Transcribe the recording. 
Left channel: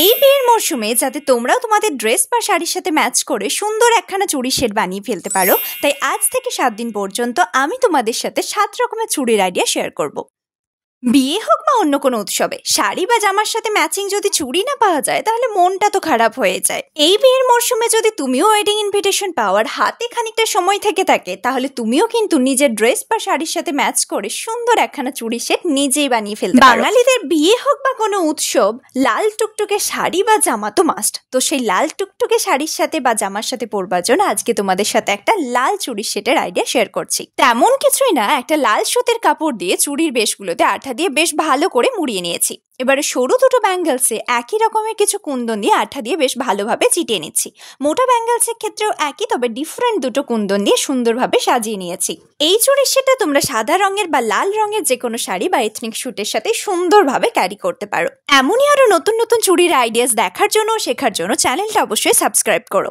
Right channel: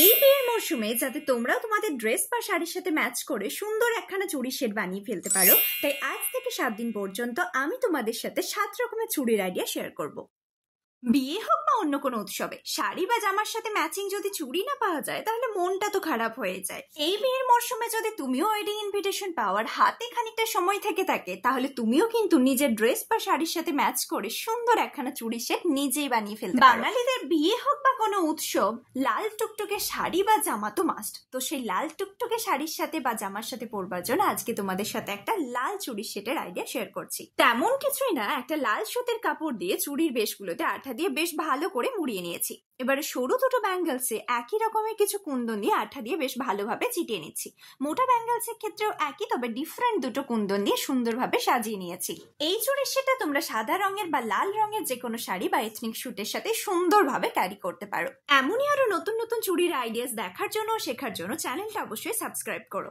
এই বিয়ের মরশুমে যাতে তোমরাও তোমাদের ড্রেস বা শাড়ির সাথে ম্যাচ করে সুন্দর একখানা চুড়ির সেট বানিয়ে ফেলতে পারো, তাই আজ থেকে 7 দিন পর্যন্ত আমি তোমাদের সাথে 7 রকমের চুড়ির আইডিয়া শেয়ার করব। বিয়ে হোক বা অন্য কোনো উৎসবে শাড়ি বা জামার সাথে ম্যাচিং যদি চুড়ি না পাওয়া যায় তাহলে মনটা তো খারাপ হয়ে যায়। এই বিয়ের মরশুমে যদি তুমিও ওয়েডিং ইনভিটেশন পাওয়ার হাতে খানিকটা সময় থেকে থাকে তাহলে তুমিও কিন্তু নিজের ড্রেস বা শাড়ির সাথে ম্যাচ করে সুন্দর একখানা চুড়ি সেট নিজেই বানিয়ে ফেলতে পারো। বাঙালিদের বিয়ে হোক বা কোনো উৎসব লাল টুকটুকে শাড়ি বা জামা তো মাস্ট। তো সেই লাল টুকটুকে শাড়ির সাথে বা জামার সাথে পরবার জন্য আজকে তোমাদের সাথে একটা লাল চুড়ির সেটের আইডিয়া শেয়ার করছি। তেমন কিছুই না, একটা লাল সুতির কাপড় দিয়ে চুড়ির বেশগুলোতে আঠা দিয়ে বেশ ভালো করে মুড়িয়ে নিয়েছি। এবারে সরু দুটো ব্যাঙ্গেলসে একই রকমের কিছু কুন্দন দিয়ে আঠা দিয়ে বেশ ভালোভাবে চিটিয়ে নিচ্ছি। মোটা ব্যাঙ্গেলসের ক্ষেত্রেও একই, তবে ডিফারেন্ট দুটো কুন্দন দিয়ে সুন্দরভাবে সাজিয়ে নিয়েছি। এই চুড়ির সেটটা তোমরা সাদা রঙের বা লাল রঙের যে কোনো শাড়ি বা এথনিক শুটের সাথে সুন্দরভাবে ক্যারি করতে পারো। এমনই আরো নতুন নতুন চুড়ির আইডিয়াস দেখার জন্য শেখার জন্য চ্যানেলটা অবশ্যই সাবস্ক্রাইব করো।